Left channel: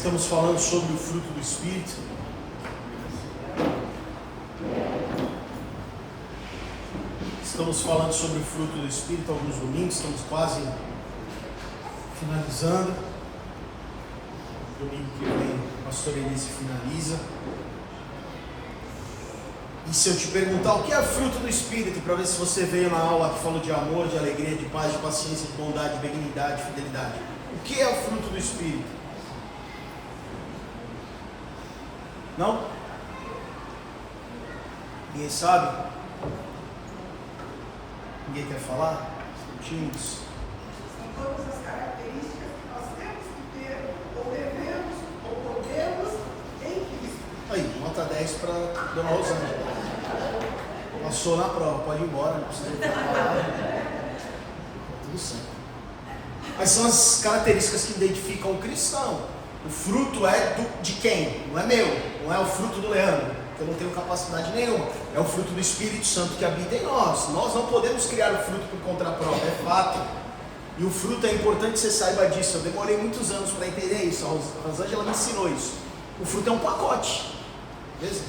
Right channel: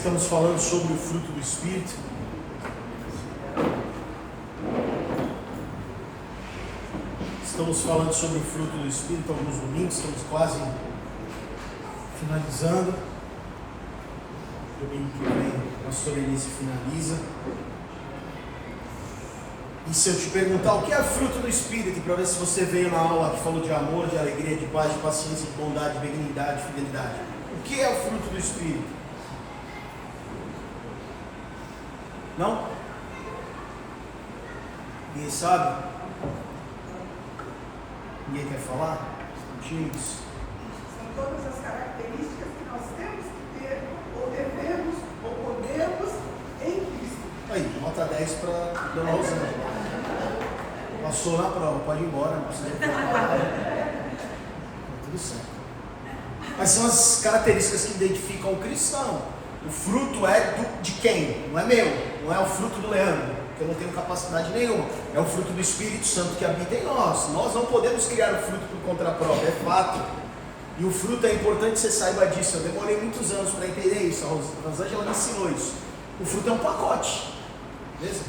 Estamos falando sobre o fruto do Espírito. Estamos falando sobre o fruto do Espírito há alguns domingos, estamos quase finalizando. Domingo que vem, o pastor Elise finaliza. E se eu te perguntar o que é fruto do Espírito, para ver se você veio na aula que falou de amor, de alegria, de paz, de paciência, de bondade, de benignidade, de fidelidade. O que é o fruto do Espírito? Não? Ninguém sabe? Ninguém quer falar? Tímidos? São todas as características que nós temos que ter, ou devemos, ou podemos, em Cristo. Aí, nota 10 para Dona Rosângela. Passou na prova, pode ir embora, não precisa falar. Tá tudo certo. Mas são as características que identificam o cristão. O fruto é de quem? Não é meu, não é o fruto do Leandro, que eu não tenho capacidade nenhuma. É o fruto do Espírito Santo que habita em nós. Nós não podemos criar o fruto por conta própria, é fato. E o fruto é importante que você saiba disso. Eu demorei muitos anos para entender isso. A Rosângela me ensinou isso. O fruto é um pacote, beleza?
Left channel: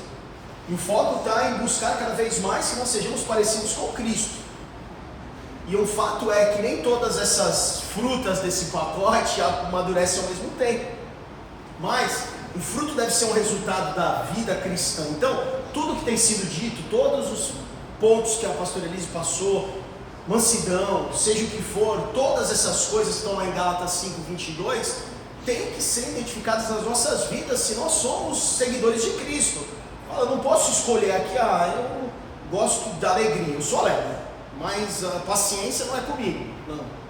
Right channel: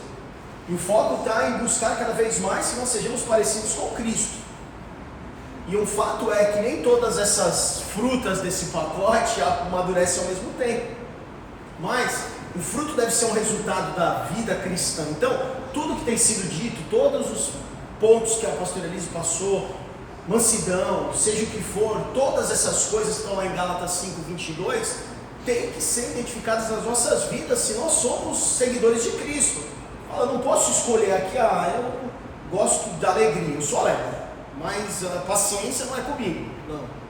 E o foco está em buscar cada vez mais que nós sejamos parecidos com Cristo. E o fato é que nem todas essas frutas desse pacote amadurecem ao mesmo tempo. Mas o fruto deve ser um resultado da vida cristã. Então, tudo que tem sido dito, todos os pontos que a pastora Elise passou, mansidão, seja o que for, todas essas coisas que estão lá em Gálatas 5:22, tem que ser identificadas nas nossas vidas se nós somos seguidores de Cristo. Eu não posso escolher aqui, eu gosto da alegria, eu sou alegre, mas a paciência não é comigo, não.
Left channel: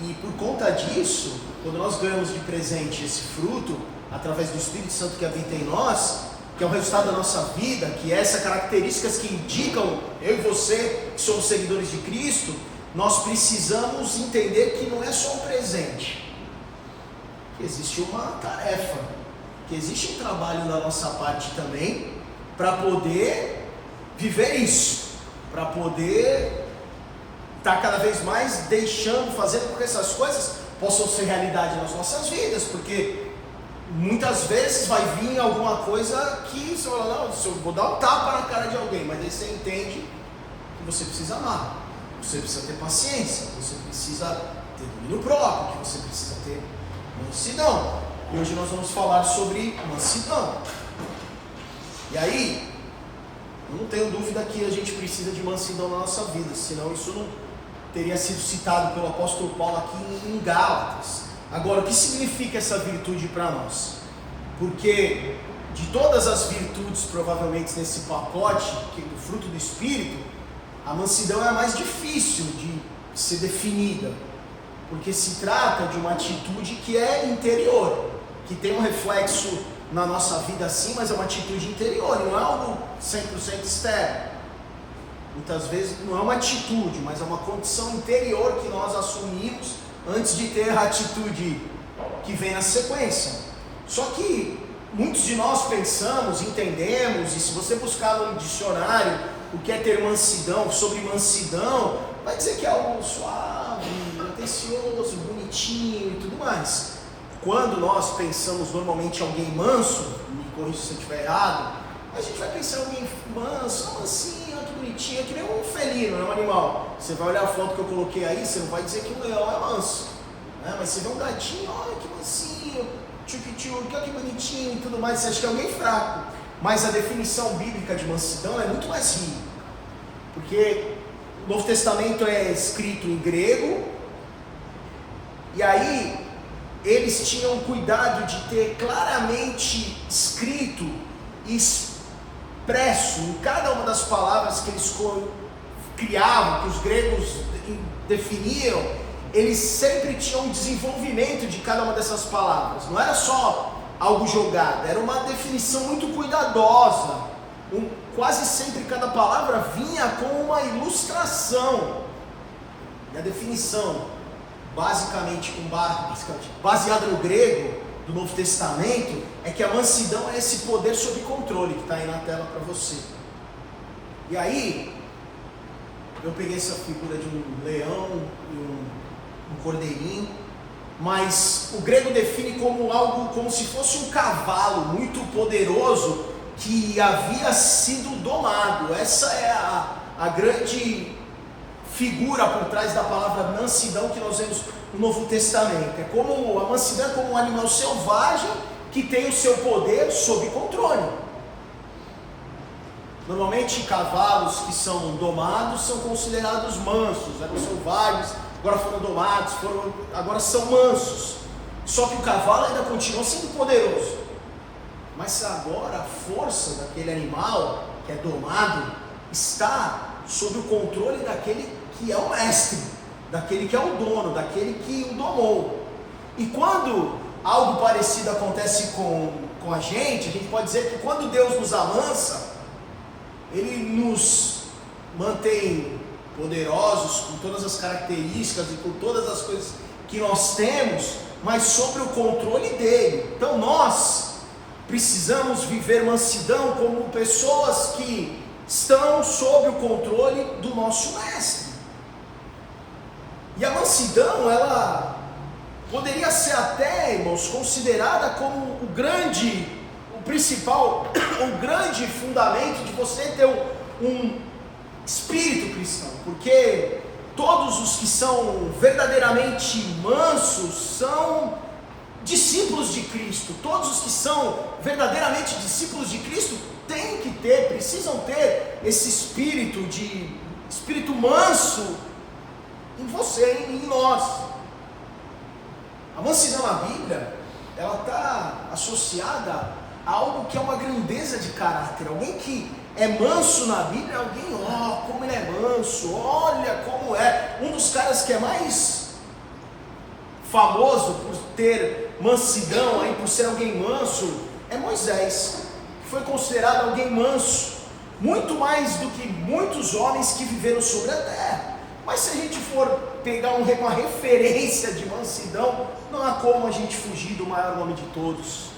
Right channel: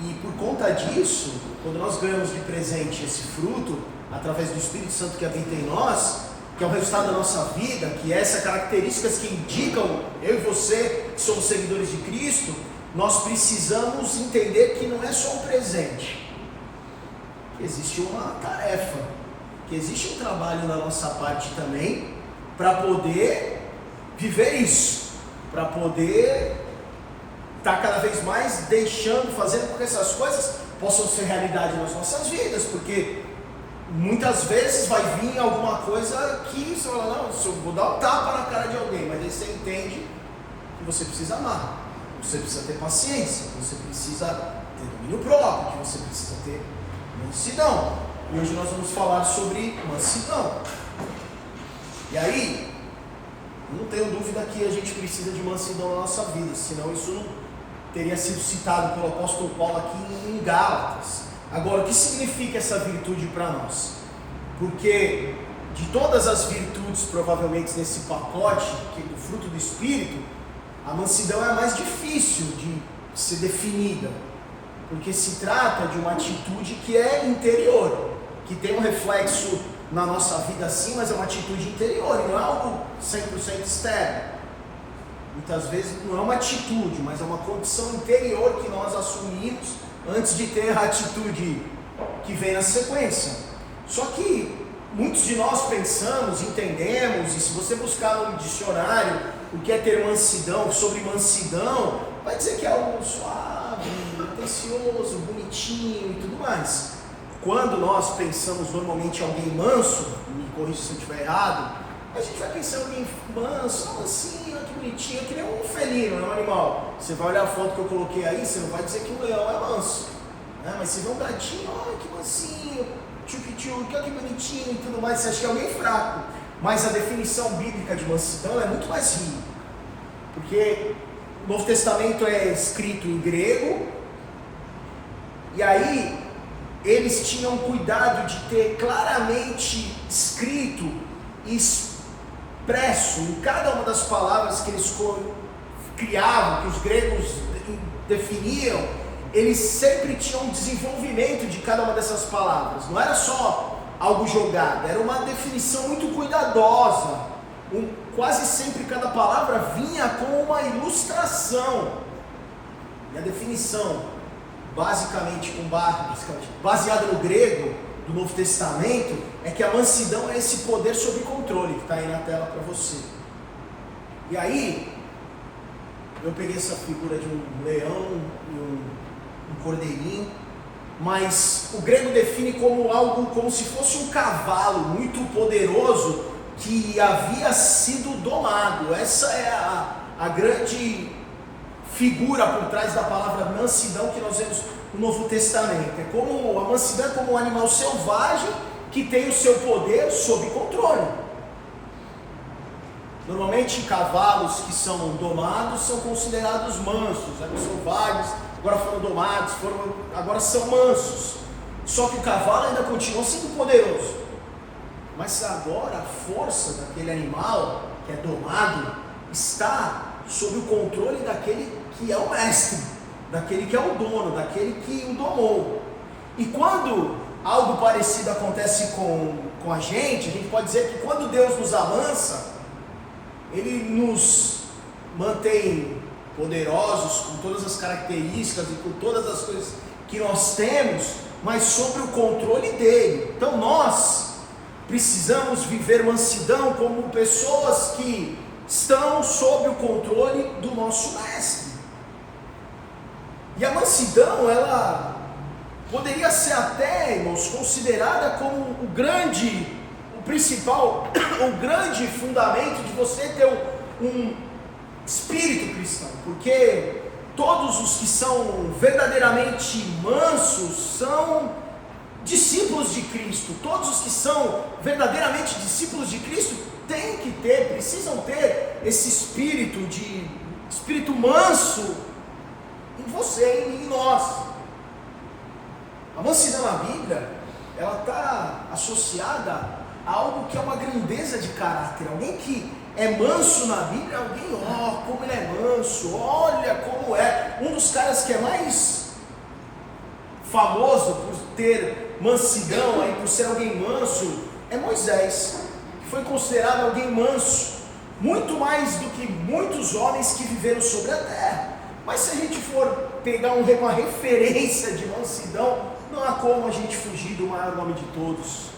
E por conta disso, quando nós ganhamos de presente esse fruto, através do Espírito Santo que habita em nós, que é o resultado da nossa vida, que é essas características que indicam eu e você que somos seguidores de Cristo, nós precisamos entender que não é só um presente, que existe uma tarefa, que existe um trabalho da nossa parte também, para poder viver isso, para poder estar cada vez mais fazendo com que essas coisas possam ser realidade nas nossas vidas, porque muitas vezes vai vir alguma coisa que você fala, não, eu vou dar um tapa na cara de alguém, mas aí você entende que você precisa amar, você precisa ter paciência, você precisa ter domínio próprio, que você precisa ter mansidão. E hoje nós vamos falar sobre mansidão. E aí, eu não tenho dúvida que a gente precisa de mansidão na nossa vida, senão isso não teria sido citado pelo apóstolo Paulo aqui em Gálatas. Agora, o que significa essa virtude para nós? Porque de todas as virtudes provavelmente nesse pacote, que é do fruto do Espírito, a mansidão é a mais difícil de ser definida, porque se trata de uma atitude que é interior, que tem um reflexo na nossa vida sim, mas é uma atitude interior, não é algo 100% externo. Muitas vezes não é uma atitude, mas é uma condição interior que nós assumimos antes de ter a atitude que vem na sequência. Só que muitos de nós pensamos, entendemos, e se você buscar no dicionário o que é ter mansidão, sobre mansidão, vai dizer que é algo suave, atencioso, bonitinho e tudo mais. Quando nós pensamos normalmente em alguém manso, me corrija se eu estiver errado, a gente vai pensar em alguém manso, mansinho, que bonitinho, que nem um felino, é um animal. Você vai olhar a foto que eu coloquei aí, você não vai dizer que um leão é manso, né? Mas você vê um gatinho, olha que mansinho, tchuc-tchuc, olha que bonitinho e tudo mais, você acha que é alguém fraco. Mas a definição bíblica de mansidão é muito mais rica, porque o Novo Testamento é escrito em grego, e aí eles tinham cuidado de ter claramente escrito e expresso em cada uma das palavras que eles criavam, que os gregos definiam, eles sempre tinham um desenvolvimento de cada uma dessas palavras, não era só algo jogado, era uma definição muito cuidadosa. Quase sempre cada palavra vinha com uma ilustração, e a definição basicamente baseada no grego do Novo Testamento é que a mansidão é esse poder sob controle que está aí na tela para você. E aí eu peguei essa figura de um leão e um cordeirinho, mas o grego define como algo, como se fosse um cavalo muito poderoso que havia sido domado. Essa é a grande figura por trás da palavra mansidão que nós vemos no Novo Testamento. É como a mansidão é como um animal selvagem que tem o seu poder sob controle. Normalmente cavalos que são domados são considerados mansos, eram selvagens, agora foram domados, agora são mansos. Só que o cavalo ainda continua sendo poderoso. Mas agora a força daquele animal que é domado está sob o controle daquele que é o mestre, daquele que é o dono, daquele que o domou. E quando algo parecido acontece com a gente pode dizer que quando Deus nos amansa, Ele nos mantém poderosos com todas as características e com todas as coisas que nós temos, mas sob o controle dele. Então nós precisamos viver mansidão como pessoas que estão sob o controle do nosso mestre. E a mansidão, ela poderia ser até, irmãos, considerada como o principal, o grande fundamento de você ter um espírito cristão, porque todos os que são verdadeiramente mansos são discípulos de Cristo. Todos os que são verdadeiramente discípulos de Cristo precisam ter esse espírito manso em você, em nós. A mansidão na Bíblia, ela está associada a algo que é uma grandeza de caráter. Alguém que é manso na Bíblia, alguém, como ele é manso, olha como é. Um dos caras que é mais famoso por ter mansidão, por ser alguém manso, é Moisés, que foi considerado alguém manso, muito mais do que muitos homens que viveram sobre a terra. Mas se a gente for pegar uma referência de mansidão, não há como a gente fugir do maior nome de todos,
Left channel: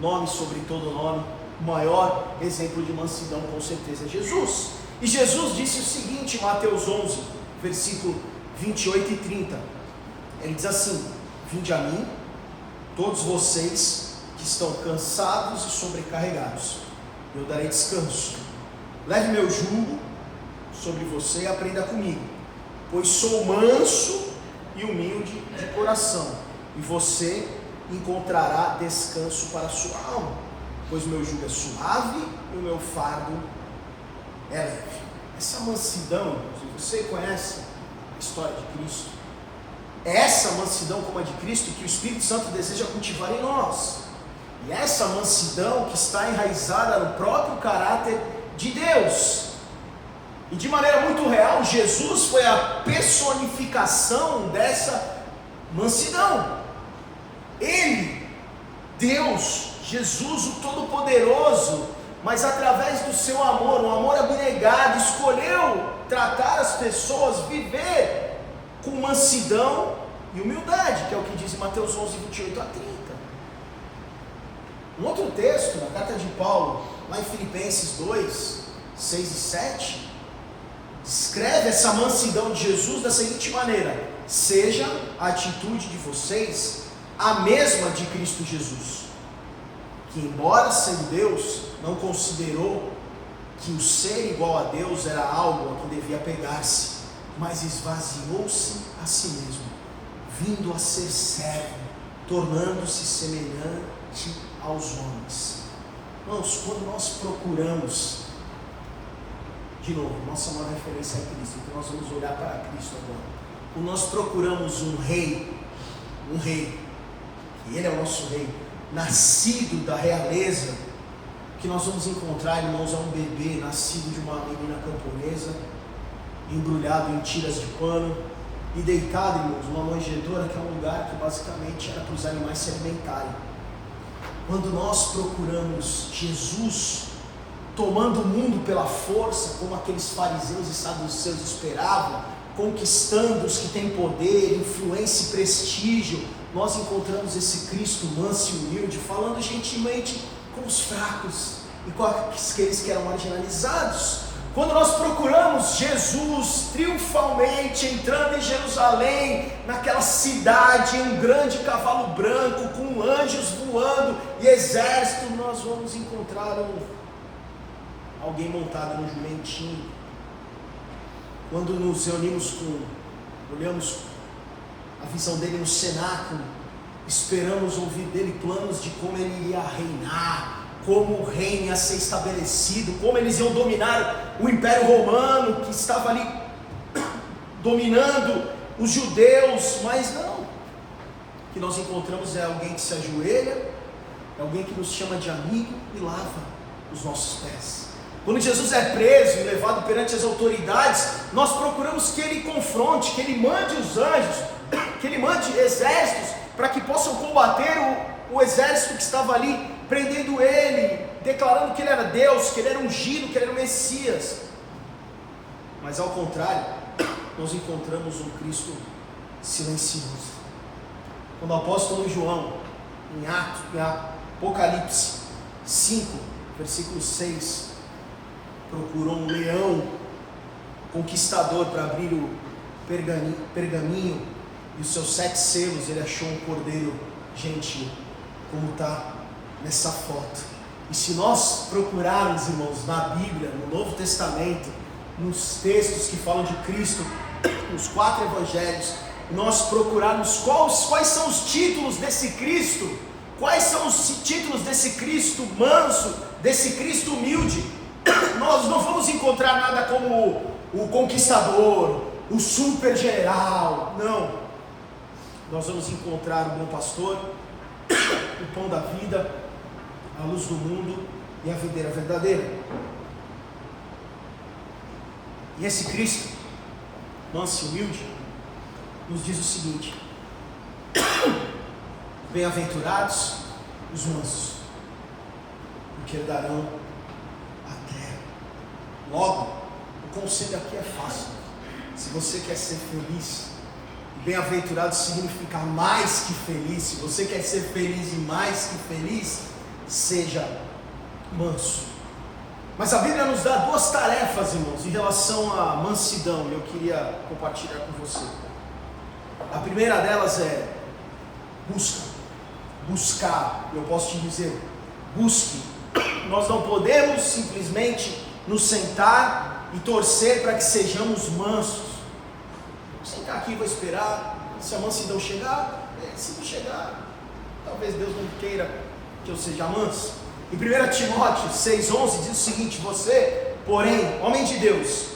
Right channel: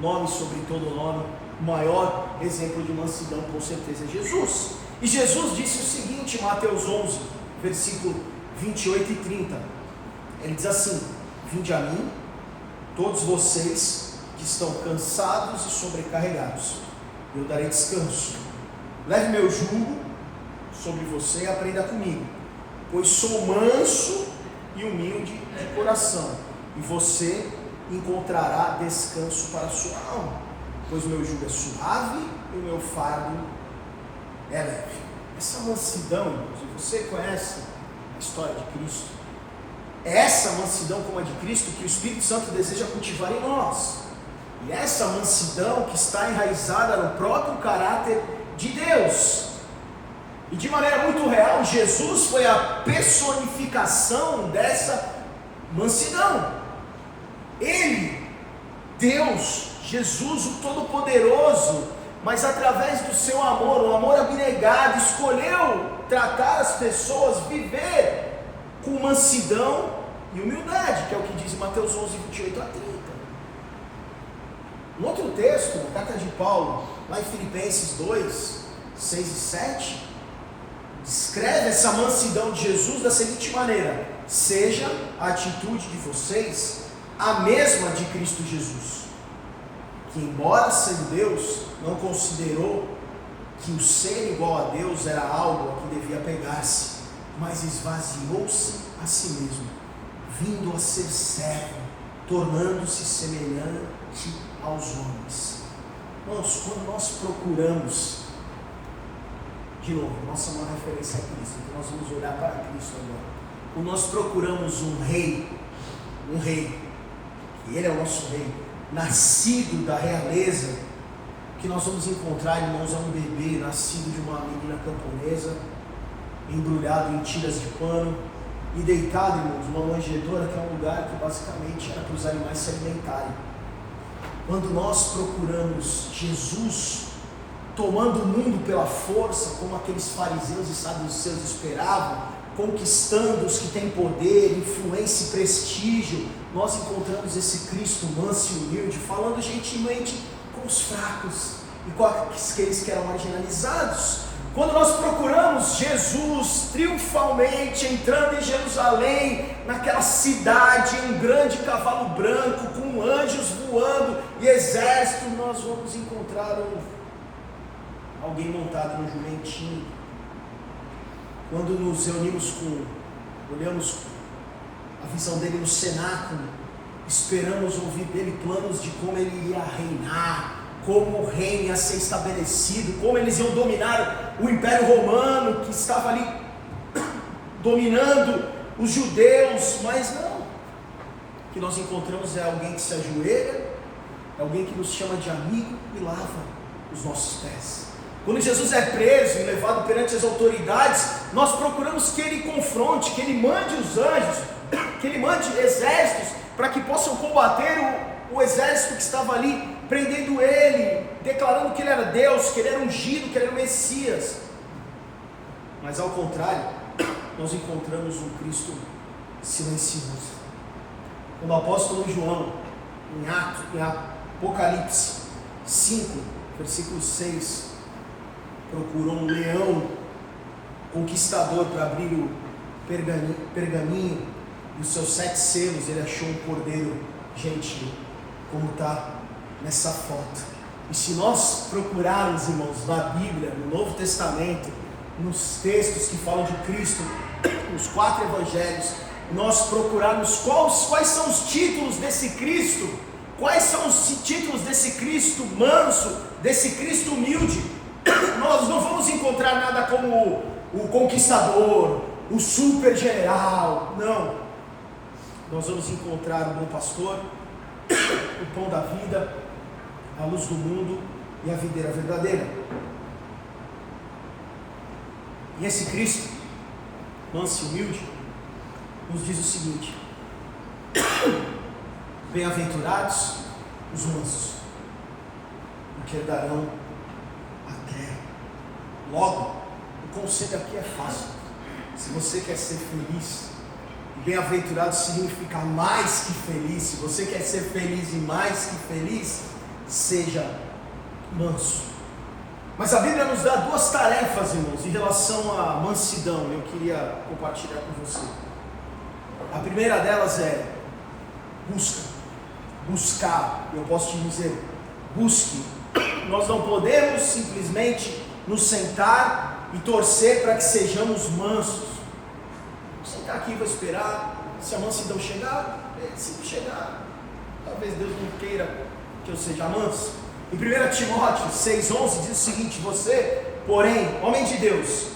nome sobre todo nome. O maior exemplo de mansidão com certeza é Jesus. E Jesus disse o seguinte em Mateus 11, versículo 28 e 30. Ele diz assim: vinde a mim, todos vocês que estão cansados e sobrecarregados, eu darei descanso. Leve meu jugo sobre você e aprenda comigo, pois sou manso e humilde de coração, e você encontrará descanso para a sua alma, pois meu jugo é suave e o meu fardo é leve. Essa mansidão, se você conhece a história de Cristo, é essa mansidão como a de Cristo que o Espírito Santo deseja cultivar em nós. E essa mansidão que está enraizada no próprio caráter de Deus. E de maneira muito real, Jesus foi a personificação dessa mansidão. Ele, Deus, Jesus, o Todo-Poderoso, mas através do seu amor, um amor abnegado, escolheu tratar as pessoas, viver com mansidão e humildade, que é o que diz em Mateus 11, 28 a 30. Um outro texto, na carta de Paulo, lá em Filipenses 2, 6 e 7, descreve essa mansidão de Jesus da seguinte maneira: seja a atitude de vocês a mesma de Cristo Jesus, que embora sendo Deus, não considerou que o ser igual a Deus era algo a que devia pegar-se, mas esvaziou-se a si mesmo, vindo a ser servo, tornando-se semelhante aos homens. Irmãos, quando nós procuramos, de novo, nossa maior referência é Cristo, então nós vamos olhar para Cristo agora. Quando nós procuramos um rei, e ele é o nosso rei, nascido da realeza, que nós vamos encontrar, irmãos, é um bebê nascido de uma menina camponesa, embrulhado em tiras de pano e deitado, irmãos, numa manjedoura, que é um lugar que basicamente era para os animais se alimentarem. Quando nós procuramos Jesus tomando o mundo pela força, como aqueles fariseus e saduceus esperavam, conquistando os que têm poder, influência e prestígio, nós encontramos esse Cristo manso e humilde, falando gentilmente com os fracos e com aqueles que eram marginalizados, quando nós procuramos Jesus triunfalmente entrando em Jerusalém, naquela cidade, em um grande cavalo branco, com anjos voando e exército, nós vamos encontrar alguém montado no jumentinho. Quando nos reunimos olhamos a visão dele no cenáculo, esperamos ouvir dele planos de como ele iria reinar, como o reino ia ser estabelecido, como eles iam dominar o Império Romano, que estava ali dominando os judeus, mas não. O que nós encontramos é alguém que se ajoelha, é alguém que nos chama de amigo e lava os nossos pés. Quando Jesus é preso e levado perante as autoridades, nós procuramos que ele confronte, que ele mande os anjos, que ele mande exércitos para que possam combater o exército que estava ali prendendo ele, declarando que ele era Deus, que ele era ungido, que ele era o Messias. Mas ao contrário, nós encontramos um Cristo silencioso. Quando o apóstolo João, em Apocalipse 5, versículo 6, procurou um leão conquistador para abrir o pergaminho e os seus 7 selos, ele achou um cordeiro gentil, como está nessa foto. E se nós procurarmos, irmãos, na Bíblia, no Novo Testamento, nos textos que falam de Cristo, nos 4 evangelhos, nós procurarmos quais são os títulos desse Cristo, quais são os títulos desse Cristo manso, desse Cristo humilde, nós não vamos encontrar nada como o conquistador, o super general, não. Nós vamos encontrar o bom pastor, o pão da vida, a luz do mundo e a videira verdadeira. E esse Cristo, manso e humilde, nos diz o seguinte: bem-aventurados os mansos, porque herdarão a terra. Logo, o conselho aqui é fácil. Se você quer ser feliz, bem-aventurado significa mais que feliz. Se você quer ser feliz e mais que feliz, seja manso. Mas a Bíblia nos dá 2 tarefas, irmãos, em relação à mansidão, e eu queria compartilhar com você. A primeira delas é buscar. Eu posso te dizer, busque. Nós não podemos simplesmente nos sentar e torcer para que sejamos mansos. Vou sentar aqui e vou esperar, se a mansidão chegar, se não chegar, talvez Deus não queira que eu seja manso. Em 1 Timóteo 6,11 diz o seguinte: você, porém, homem de Deus,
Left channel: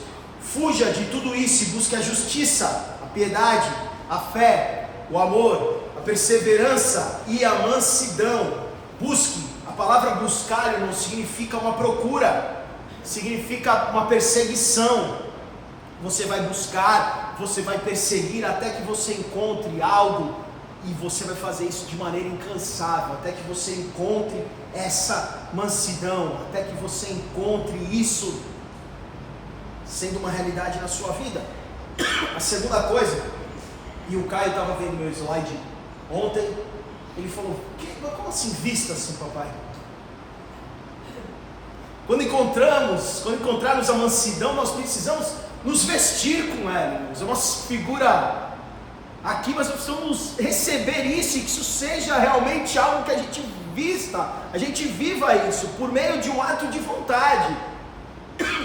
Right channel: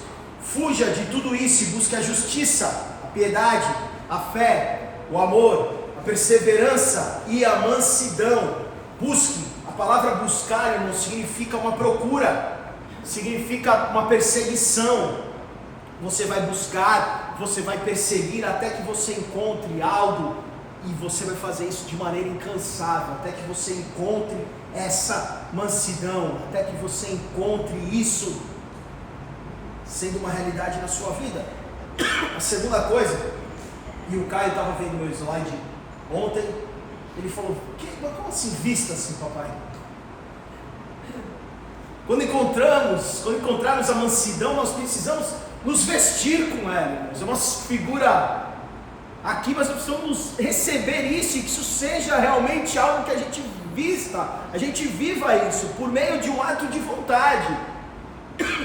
fuja de tudo isso e busque a justiça, a piedade, a fé, o amor, a perseverança e a mansidão. Busque. A palavra buscar, irmão, significa uma procura, significa uma perseguição. Você vai buscar, você vai perseguir até que você encontre algo, e você vai fazer isso de maneira incansável, até que você encontre essa mansidão, até que você encontre isso sendo uma realidade na sua vida. A segunda coisa, e o Caio estava vendo meu slide ontem, ele falou: como assim vista assim, papai? Quando encontrarmos a mansidão, nós precisamos nos vestir com ela, irmãos. É uma figura aqui, mas nós precisamos receber isso, e que isso seja realmente algo que a gente vista, a gente viva isso, por meio de um ato de vontade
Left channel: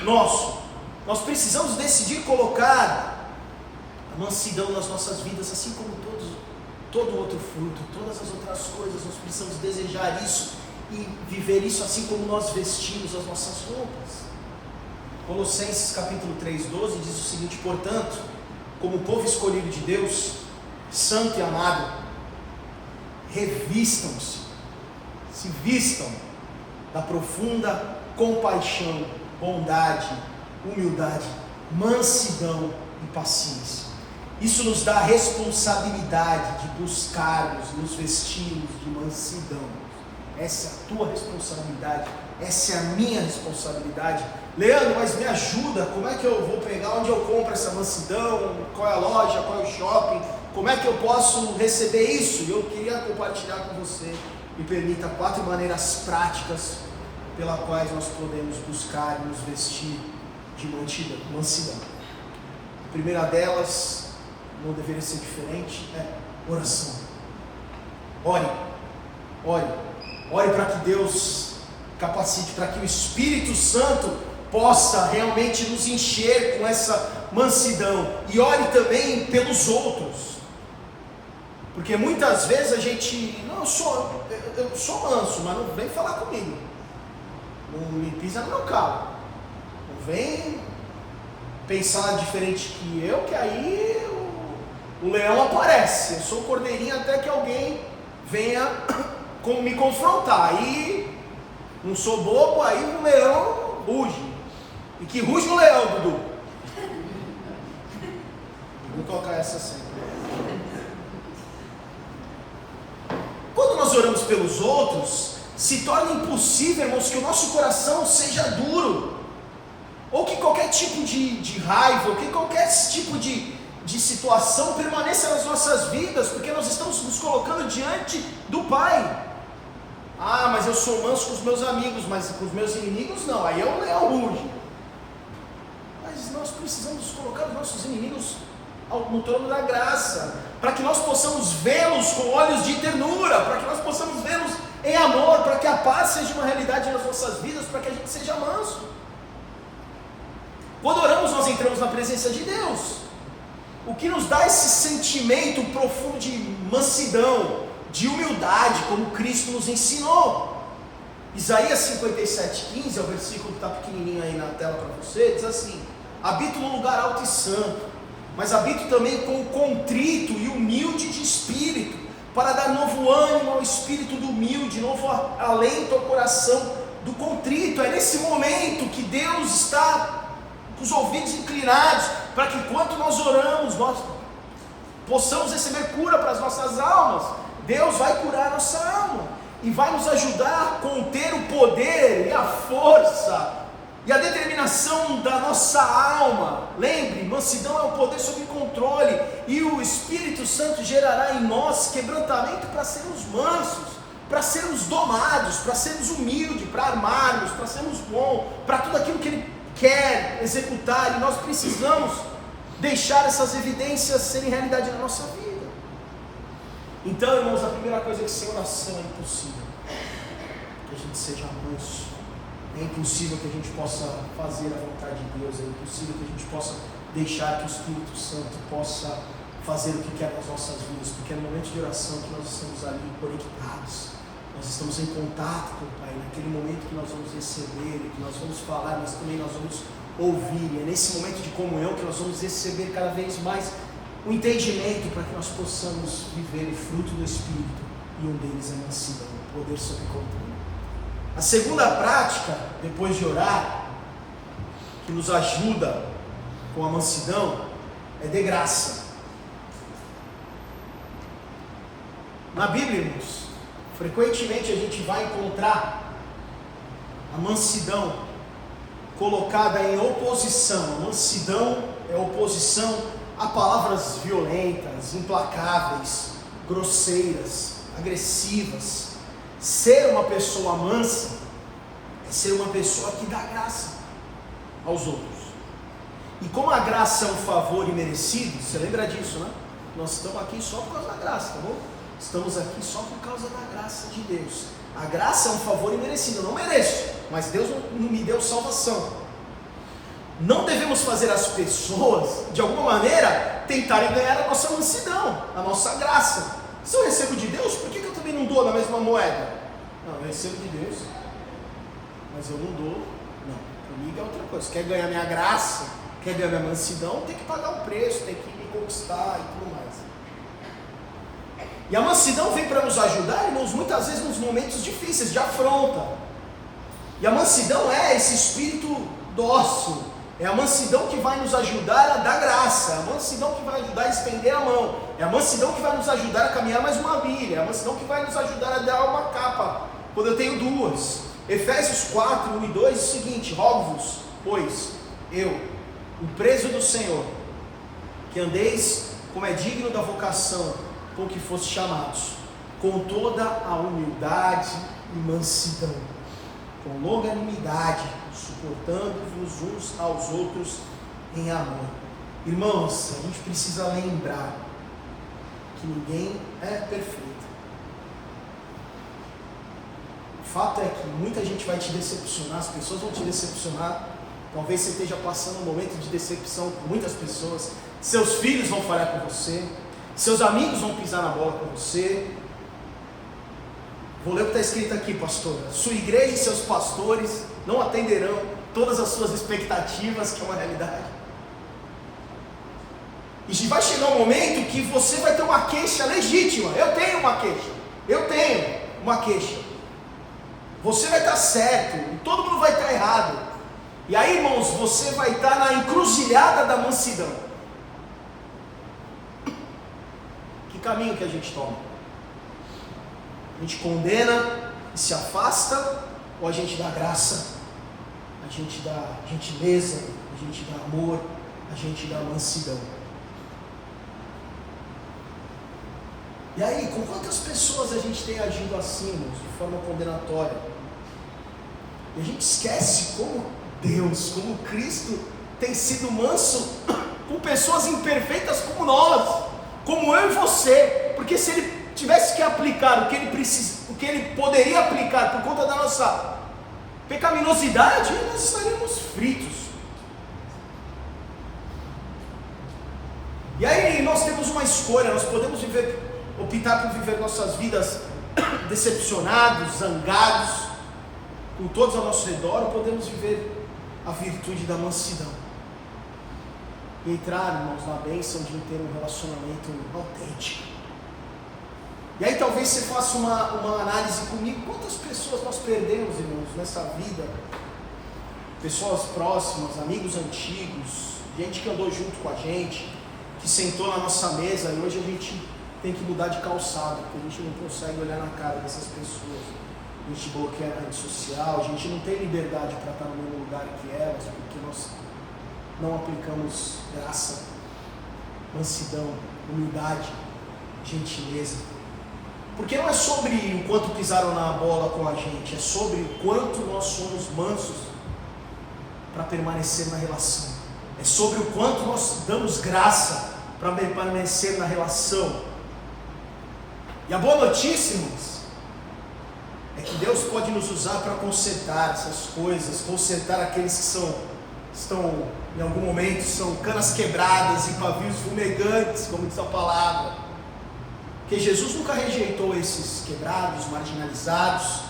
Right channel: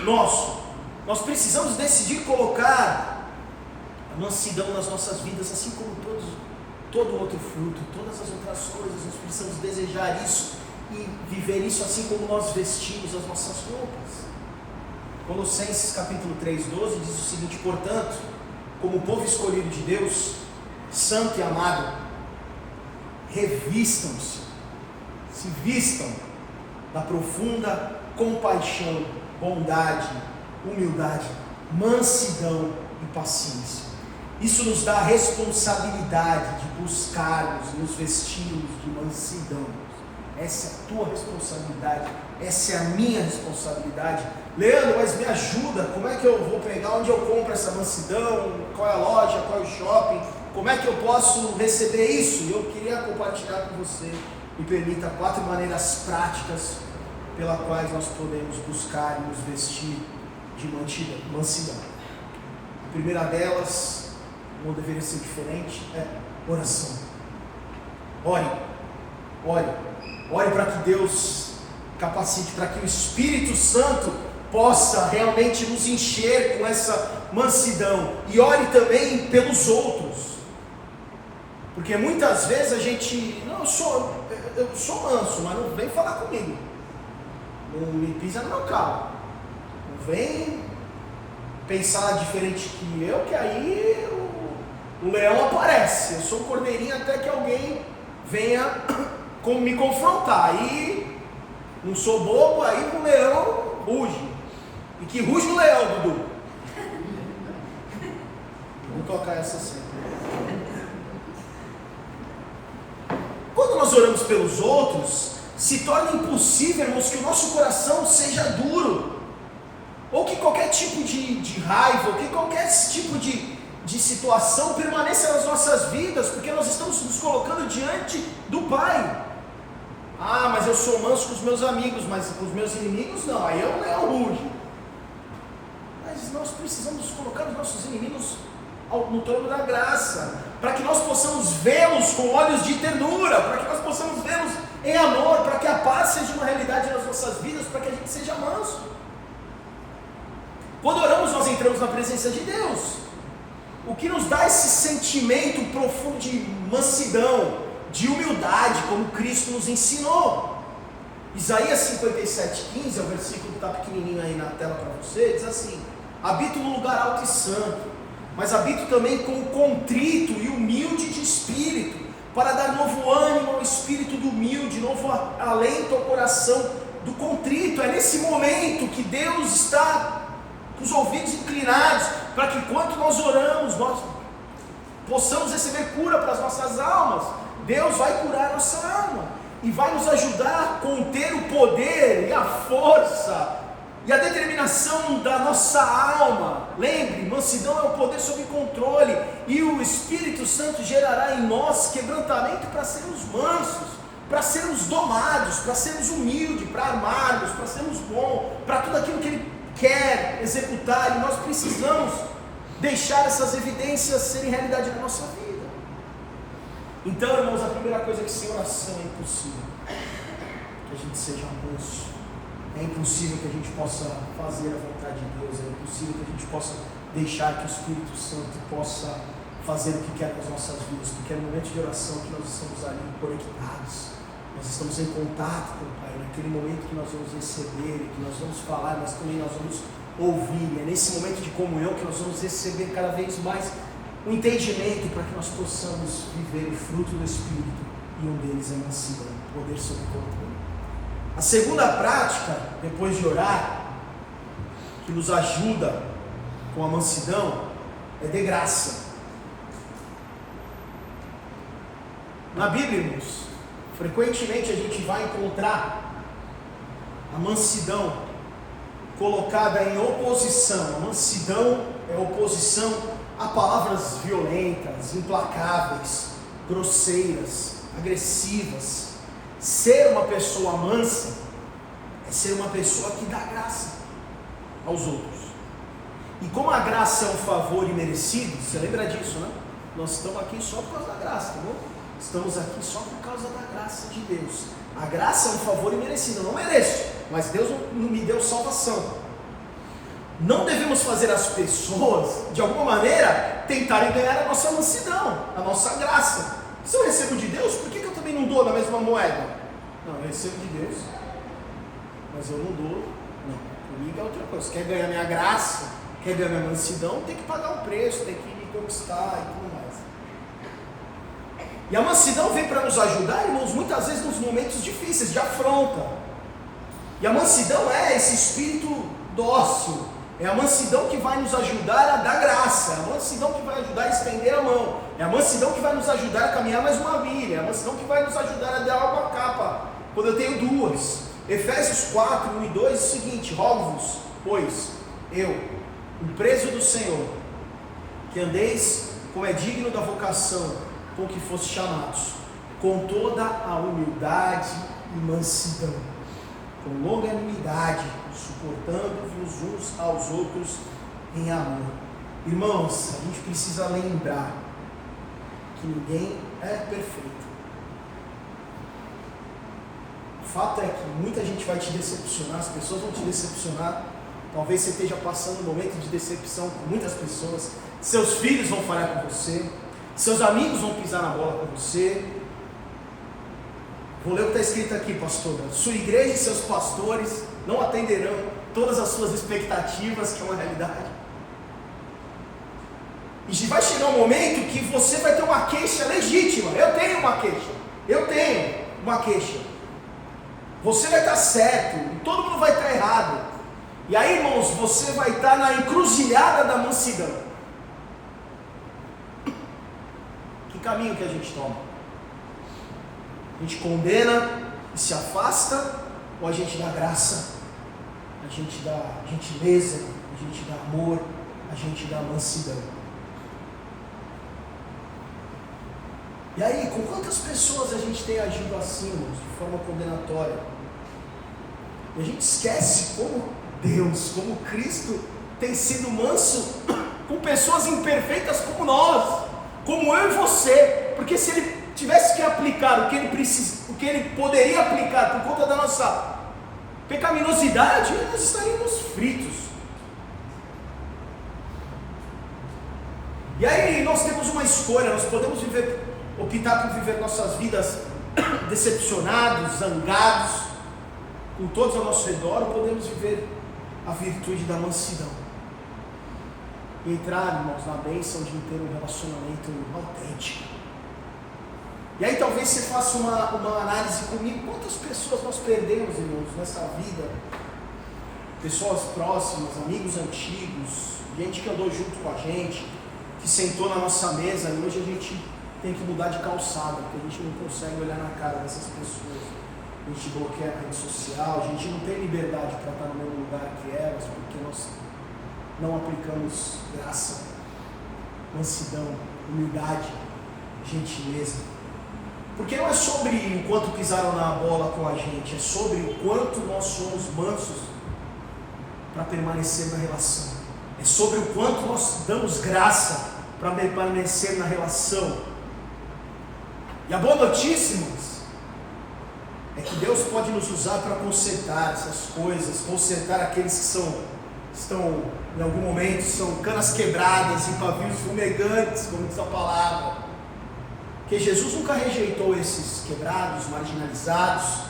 nosso. Nós precisamos decidir colocar a mansidão nas nossas vidas, assim como todo outro fruto, todas as outras coisas. Nós precisamos desejar isso e viver isso, assim como nós vestimos as nossas roupas. Colossenses capítulo 3:12 diz o seguinte: portanto, como povo escolhido de Deus, santo e amado, revistam-se, se vistam da profunda compaixão, bondade, humildade, mansidão e paciência. Isso nos dá a responsabilidade de buscarmos, nos vestirmos de mansidão. Essa é a tua responsabilidade, essa é a minha responsabilidade. Leandro, mas me ajuda, como é que eu vou pegar, onde eu compro essa mansidão, qual é a loja, qual é o shopping, como é que eu posso receber isso? E eu queria compartilhar com você, me permita 4 maneiras práticas pela quais nós podemos buscar e nos vestir de mansidão. A primeira delas, não deveria ser diferente, é oração. Ore para que Deus capacite, para que o Espírito Santo possa realmente nos encher com essa mansidão. E ore também pelos outros, porque muitas vezes a gente, não, eu sou manso, mas não vem falar comigo, não me pisa no meu calo, não vem pensar diferente que eu, que aí o leão aparece. Eu sou o cordeirinho até que alguém venha me confrontar. Aí não sou bobo, aí o leão ruge. E que ruge o leão, Dudu. Vou tocar essa sempre. Quando nós oramos pelos outros, se torna impossível, irmãos, que o nosso coração seja duro, ou que qualquer tipo de raiva, ou que qualquer tipo de situação permaneça nas nossas vidas, porque nós estamos nos colocando diante do Pai. Ah, mas eu sou manso com os meus amigos, mas com os meus inimigos não, aí o leão ruge. Mas nós precisamos colocar os nossos inimigos no trono da graça, para que nós possamos vê-los com olhos de ternura, para que nós possamos vê-los em amor, para que a paz seja uma realidade nas nossas vidas, para que a gente seja manso. Quando oramos, nós entramos na presença de Deus, o que nos dá esse sentimento profundo de mansidão, de humildade, como Cristo nos ensinou. Isaías 57:15, é o versículo que está pequenininho aí na tela para você, diz assim: habito no lugar alto e santo, mas habito também com o contrito e humilde de espírito, para dar novo ânimo ao espírito do humilde, novo alento ao coração do contrito. É nesse momento que Deus está com os ouvidos inclinados, para que enquanto nós oramos, nós possamos receber cura para as nossas almas. Deus vai curar a nossa alma, e vai nos ajudar a conter o poder e a força e a determinação da nossa alma. Lembre, mansidão é o poder sob controle, e o Espírito Santo gerará em nós quebrantamento para sermos mansos, para sermos domados, para sermos humildes, para amarmos, para sermos bons, para tudo aquilo que Ele quer executar. E nós precisamos deixar essas evidências serem realidade na nossa vida. Então, irmãos, a primeira coisa é que sem oração é impossível que a gente seja manso. É impossível que a gente possa fazer a vontade de Deus, é impossível que a gente possa deixar que o Espírito Santo possa fazer o que quer nas nossas vidas, porque é no momento de oração que nós estamos ali conectados, nós estamos em contato com o Pai, naquele momento que nós vamos receber, que nós vamos falar, mas também nós vamos ouvir, e é nesse momento de comunhão que nós vamos receber cada vez mais o entendimento, para que nós possamos viver o fruto do Espírito, e um deles é mansidão, poder sob controle. A segunda prática, depois de orar, que nos ajuda com a mansidão, é de graça. Na Bíblia, irmãos, frequentemente a gente vai encontrar a mansidão colocada em oposição. A mansidão é oposição a palavras violentas, implacáveis, grosseiras, agressivas. Ser uma pessoa mansa é ser uma pessoa que dá graça aos outros. E como a graça é um favor imerecido, você lembra disso, né? Nós estamos aqui só por causa da graça, tá bom? Estamos aqui só por causa da graça de Deus. A graça é um favor imerecido, eu não mereço, mas Deus não me deu salvação. Não devemos fazer as pessoas, de alguma maneira, tentarem ganhar a nossa mansidão, a nossa graça. Se eu recebo de Deus, por que eu também não dou na mesma moeda? Não, eu recebo de Deus, mas eu não dou. Não, comigo é outra coisa. Quer ganhar minha graça, quer ganhar minha mansidão, tem que pagar um preço, tem que me conquistar e tudo mais. E a mansidão vem para nos ajudar, irmãos, muitas vezes nos momentos difíceis, de afronta. E a mansidão é esse espírito dócil. É a mansidão que vai nos ajudar a dar graça, é a mansidão que vai ajudar a estender a mão, é a mansidão que vai nos ajudar a caminhar mais uma milha, é a mansidão que vai nos ajudar a dar uma capa, quando eu tenho duas. Efésios 4, 1 e 2 diz o seguinte: rogo-vos, pois, eu, o preso do Senhor, que andeis como é digno da vocação com que foste chamados, com toda a humildade e mansidão, com longanimidade, suportando-vos uns aos outros em amor. Irmãos, a gente precisa lembrar que ninguém é perfeito. O fato é que muita gente vai te decepcionar, as pessoas vão te decepcionar. Talvez você esteja passando um momento de decepção com muitas pessoas. Seus filhos vão falhar com você, seus amigos vão pisar na bola com você. Vou ler o que está escrito aqui, pastora. Sua igreja e seus pastores não atenderão todas as suas expectativas, que é uma realidade. E vai chegar um momento que você vai ter uma queixa legítima. Eu tenho uma queixa. Você vai estar certo e todo mundo vai estar errado. E aí, irmãos, você vai estar na encruzilhada da mansidão. Que caminho que a gente toma? A gente condena e se afasta, ou a gente dá graça, a gente dá gentileza, a gente dá amor, a gente dá mansidão? E aí, com quantas pessoas a gente tem agido assim, irmãos, de forma condenatória? E a gente esquece como Deus, como Cristo tem sido manso com pessoas imperfeitas como nós, como eu e você. Porque se Ele tivesse que aplicar o que Ele poderia aplicar por conta da nossa pecaminosidade, nós estaríamos fritos. E aí nós temos uma escolha, nós podemos optar por viver nossas vidas decepcionados, zangados com todos ao nosso redor, ou podemos viver a virtude da mansidão e entrar, irmãos, na bênção de ter um relacionamento autêntico. E aí talvez você faça uma análise comigo: quantas pessoas nós perdemos, irmãos, nessa vida? Pessoas próximas, amigos antigos, gente que andou junto com a gente, que sentou na nossa mesa, e hoje a gente tem que mudar de calçada, porque a gente não consegue olhar na cara dessas pessoas. A gente bloqueia a rede social, a gente não tem liberdade para estar no mesmo lugar que elas, porque nós não aplicamos graça, mansidão, humildade, gentileza. Porque não é sobre o quanto pisaram na bola com a gente, é sobre o quanto nós somos mansos para permanecer na relação. É sobre o quanto nós damos graça para permanecer na relação. E a boa notícia, irmãos, é que Deus pode nos usar para consertar essas coisas, consertar aqueles que estão em algum momento, são canas quebradas e pavios fumegantes, como diz a palavra. Porque Jesus nunca rejeitou esses quebrados, marginalizados.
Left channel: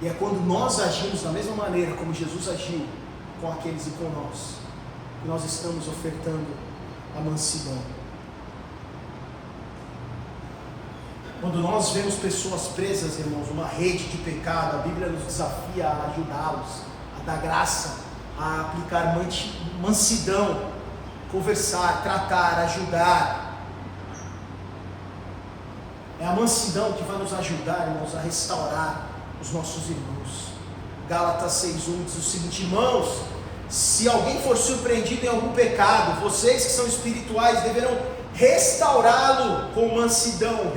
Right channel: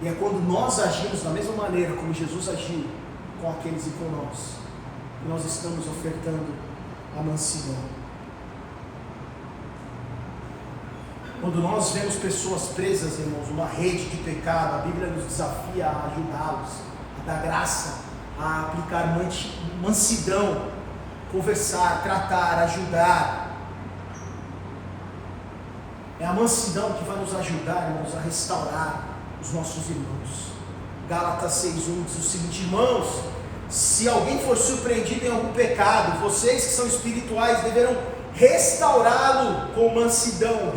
E é quando nós agimos da mesma maneira como Jesus agiu com aqueles e com nós, que nós estamos ofertando a mansidão. Quando nós vemos pessoas presas, irmãos, numa rede de pecado, a Bíblia nos desafia a ajudá-los, a dar graça, a aplicar mansidão, conversar, tratar, ajudar. É a mansidão que vai nos ajudar, irmãos, a restaurar os nossos irmãos. Gálatas 6:1 diz o seguinte: irmãos, se alguém for surpreendido em algum pecado, vocês que são espirituais deverão restaurá-lo com mansidão,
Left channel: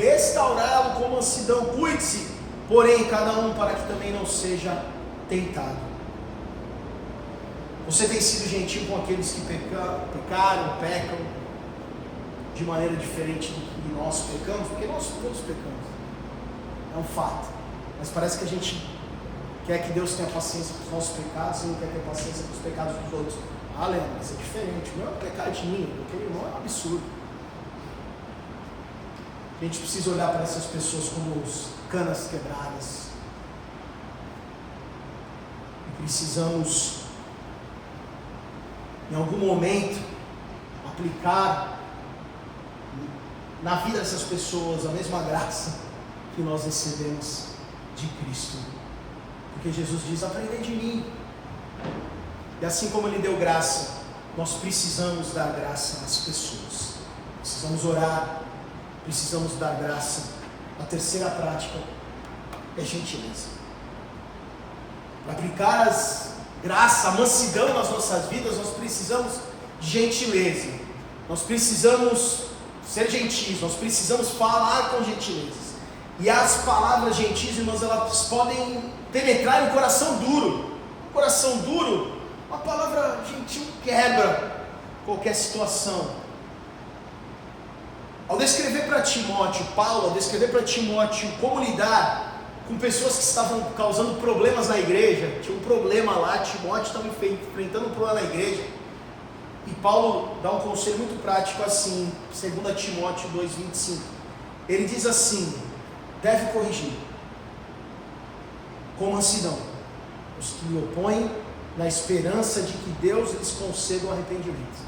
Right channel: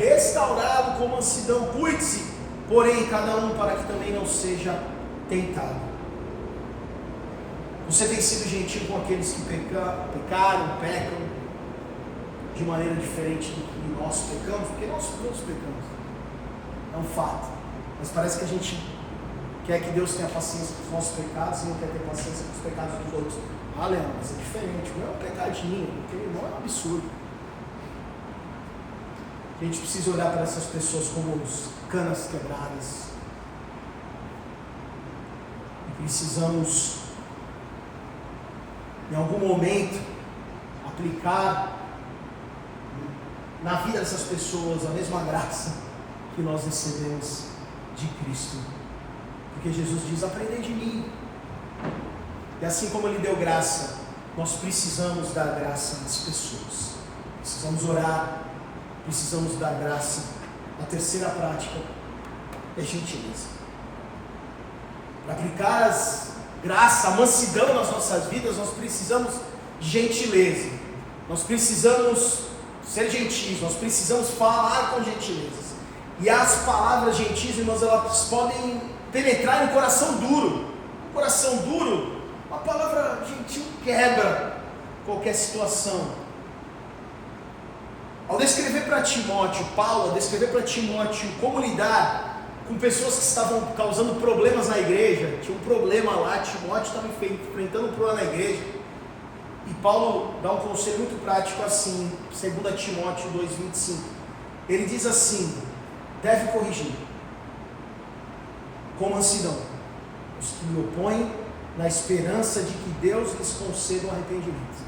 cuide-se, porém, cada um para que também não seja tentado. Você tem sido gentil com aqueles que pecam de maneira diferente do que nós pecamos? Porque nós todos pecamos, é um fato, mas parece que a gente quer que Deus tenha paciência com os nossos pecados e não quer ter paciência com os pecados dos outros. Ah, Leandro, mas é diferente, o meu é um pecadinho, porque o irmão é um absurdo. A gente precisa olhar para essas pessoas como canas quebradas. E precisamos, em algum momento, aplicar na vida dessas pessoas a mesma graça que nós recebemos de Cristo. Porque Jesus diz: aprendei de mim. E assim como Ele deu graça, nós precisamos dar graça às pessoas. Precisamos orar, precisamos dar graça. A terceira prática é gentileza. Para aplicar graça, a mansidão nas nossas vidas, nós precisamos de gentileza. Nós precisamos ser gentis, nós precisamos falar com gentileza. E as palavras gentis, irmãos, elas podem penetrar em um coração duro. Um coração duro, uma palavra gentil quebra qualquer situação. Ao descrever para Timóteo, Paulo, ao descrever para Timóteo como lidar com pessoas que estavam causando problemas na igreja, tinha um problema lá, Timóteo estava enfrentando um problema na igreja, e Paulo dá um conselho muito prático assim, 2 Timóteo 2,25, ele diz assim: deve corrigir com mansidão os que lhe opõem, na esperança de que Deus lhes conceda o arrependimento,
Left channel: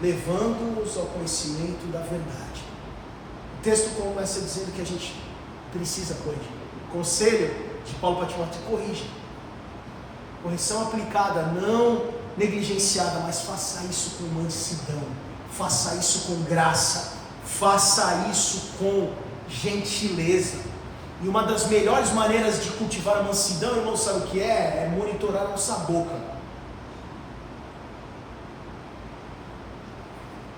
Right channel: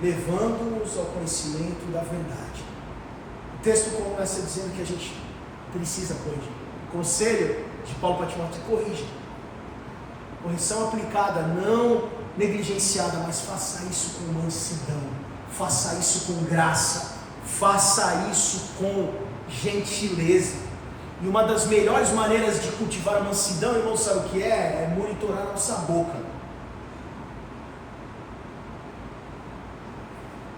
levando-os ao conhecimento da verdade. O texto começa dizendo que a gente precisa corrigir. O conselho de Paulo para Timóteo: corrija. Correção aplicada, não negligenciada, mas faça isso com mansidão, faça isso com graça, faça isso com gentileza. E uma das melhores maneiras de cultivar a mansidão, irmão, sabe o que é? É monitorar a nossa boca.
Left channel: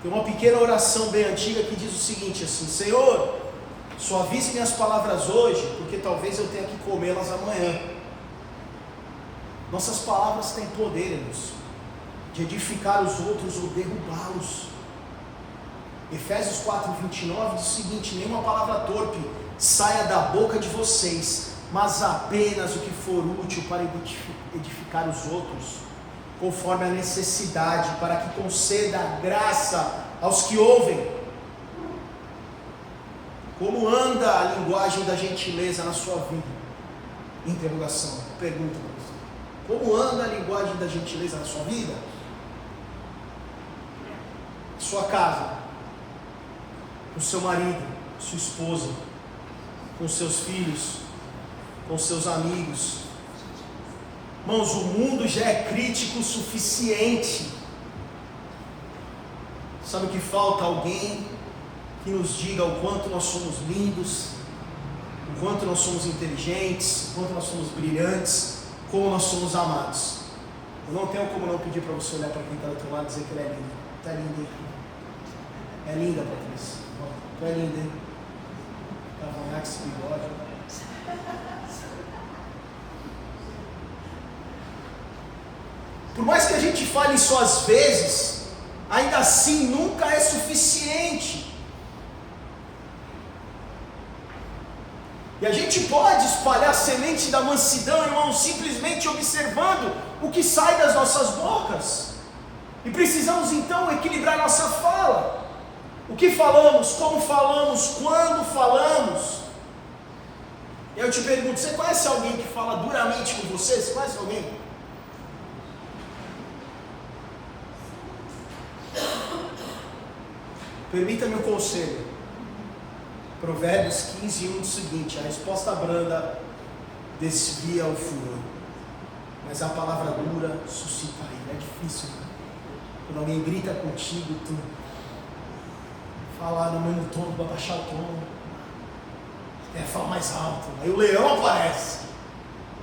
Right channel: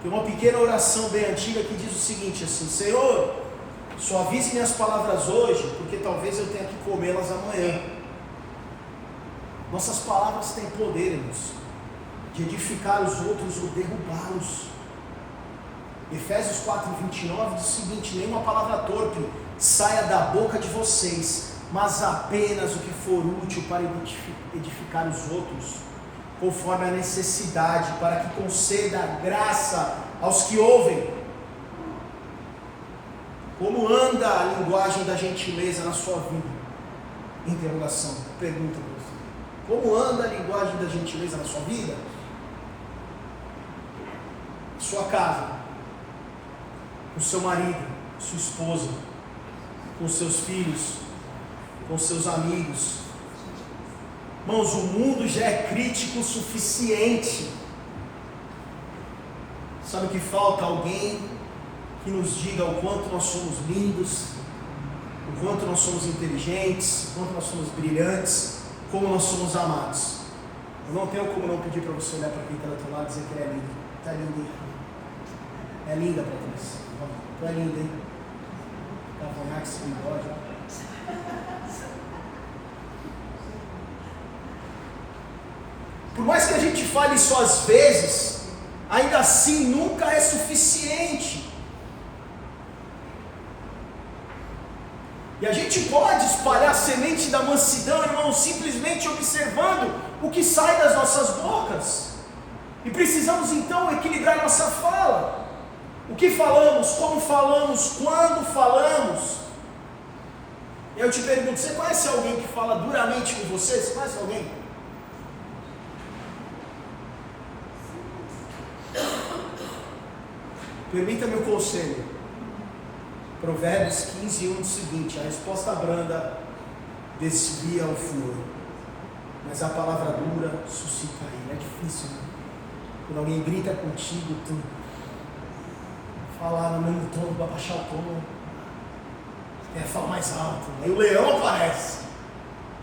Tem uma pequena oração bem antiga que diz o seguinte assim: Senhor, suavize minhas palavras hoje, porque talvez eu tenha que comê-las amanhã. Nossas palavras têm poder, irmãos, de edificar os outros ou derrubá-los. Efésios 4:29 diz o seguinte: nenhuma palavra torpe saia da boca de vocês, mas apenas o que for útil para edificar os outros, conforme a necessidade, para que conceda graça aos que ouvem. Como anda a linguagem da gentileza na sua vida? Interrogação, pergunta para você. Como anda a linguagem da gentileza na sua vida? Sua casa, com seu marido, sua esposa, com seus filhos, com seus amigos. Irmãos, o mundo já é crítico o suficiente. Sabe o que falta? Alguém que nos diga o quanto nós somos lindos, o quanto nós somos inteligentes, o quanto nós somos brilhantes, como nós somos amados. Eu não tenho como não pedir para você olhar para quem está do teu lado e dizer que ele é lindo. Está lindo, hein? É linda, Patrícia. Tu é linda, hein? Cavanhaque, esse bigode. Por mais que a gente fale isso às vezes, ainda assim nunca é suficiente. E a gente pode espalhar a semente da mansidão, irmão, simplesmente observando o que sai das nossas bocas. E precisamos então equilibrar nossa fala. O que falamos, como falamos, quando falamos. Eu te pergunto, você conhece alguém que fala duramente com você? Você conhece alguém? Permita-me um conselho. Provérbios 15:1 diz o seguinte: a resposta branda desvia o furor, mas a palavra dura suscita a ira. É difícil, né? Quando alguém grita contigo, tu falar no mesmo tom, vai baixar o tom, fala mais alto, aí o leão aparece,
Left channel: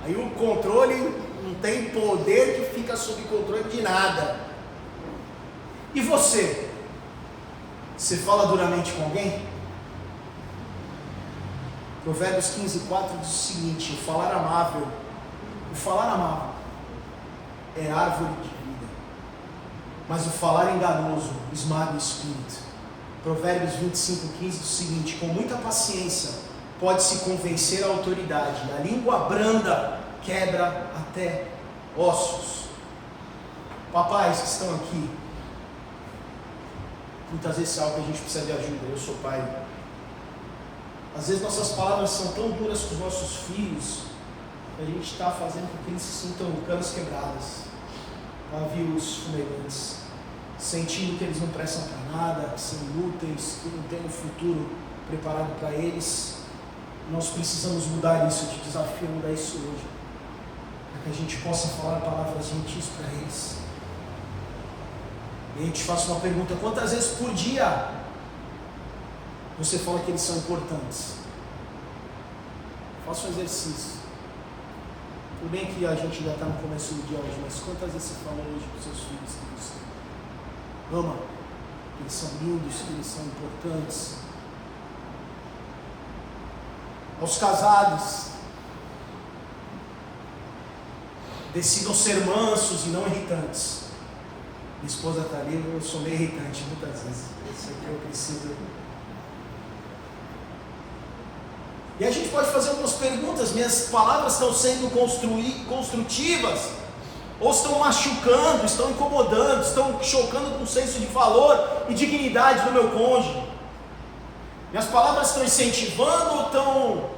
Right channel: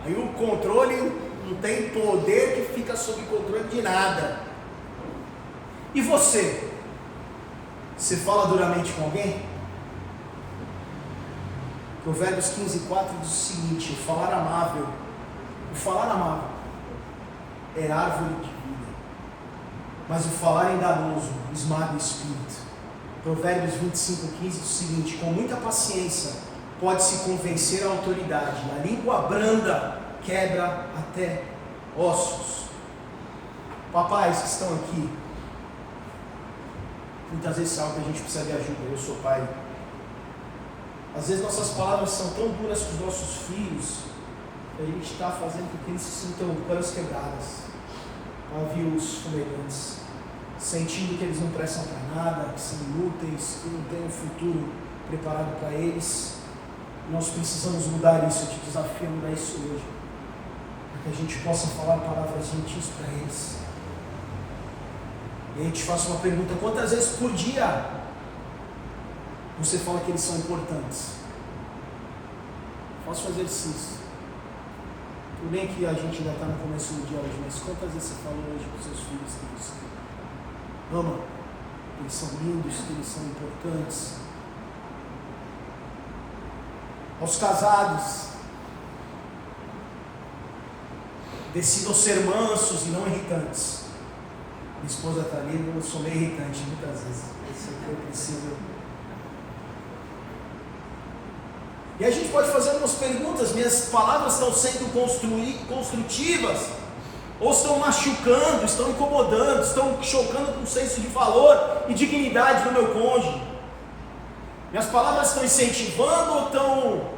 aí o controle não tem poder, que fica sob controle de nada. E você? Você fala duramente com alguém? Provérbios 15:4 diz o seguinte: o falar amável é árvore de vida, mas o falar enganoso esmaga o espírito. Provérbios 25:15 diz o seguinte: com muita paciência pode-se convencer a autoridade, a língua branda quebra até ossos. Papais que estão aqui, muitas vezes é algo que a gente precisa de ajuda. Eu sou pai. Às vezes nossas palavras são tão duras com os nossos filhos, que a gente está fazendo com que eles se sintam canas quebradas, navios fumegantes, sentindo que eles não prestam para nada, que são inúteis, que não têm um futuro preparado para eles. Nós precisamos mudar isso. Eu te desafio a mudar isso hoje, para que a gente possa falar palavras gentis para eles. E aí eu te faço uma pergunta: quantas vezes por dia você fala que eles são importantes? Faça um exercício. Tudo bem que a gente ainda está no começo do dia hoje, mas quantas vezes você falou hoje para os seus filhos que você ama, que eles são lindos, que eles são importantes? Aos casados, Decidam ser mansos e não irritantes. Minha esposa está ali, eu sou meio irritante muitas vezes. Isso aqui eu preciso. E a gente pode fazer algumas perguntas. Minhas palavras estão sendo construtivas? Ou estão machucando, estão incomodando, estão chocando com o senso de valor e dignidade do meu cônjuge? Minhas palavras estão incentivando ou estão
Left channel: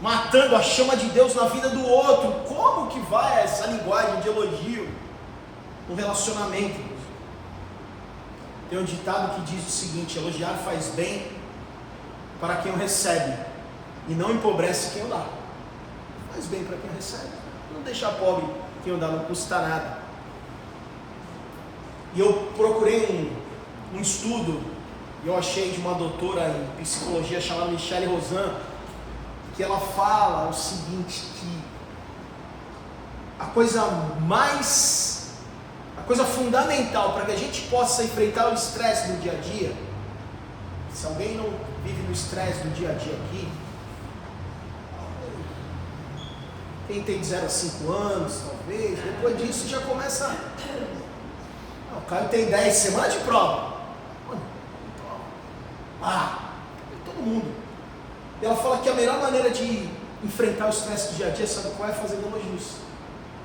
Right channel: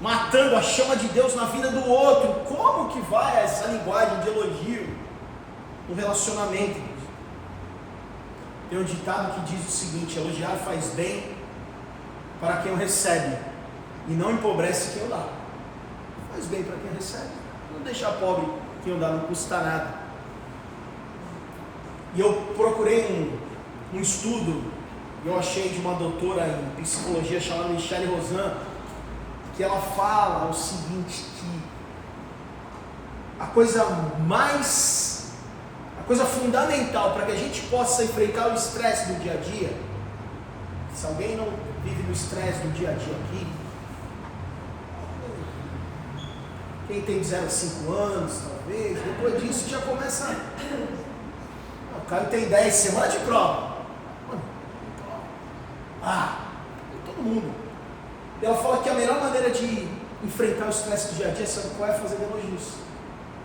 matando a chama de Deus na vida do outro? Como que vai essa linguagem de elogio no relacionamento? Tem um ditado que diz o seguinte: elogiar faz bem para quem o recebe e não empobrece quem o dá. Faz bem para quem recebe, não deixar pobre quem o dá, não custa nada. E eu procurei um estudo, eu achei de uma doutora em psicologia chamada Michelle Rosan, que ela fala o seguinte, que a coisa fundamental para que a gente possa enfrentar o estresse do dia a dia, se alguém não vive no estresse do dia a dia aqui, quem tem de 0 a 5 anos, talvez, depois disso já começa. O cara tem 10 semanas de prova. Tem todo mundo. E ela fala que a melhor maneira de enfrentar o estresse do dia a dia, sabe qual é? Fazendo elogios,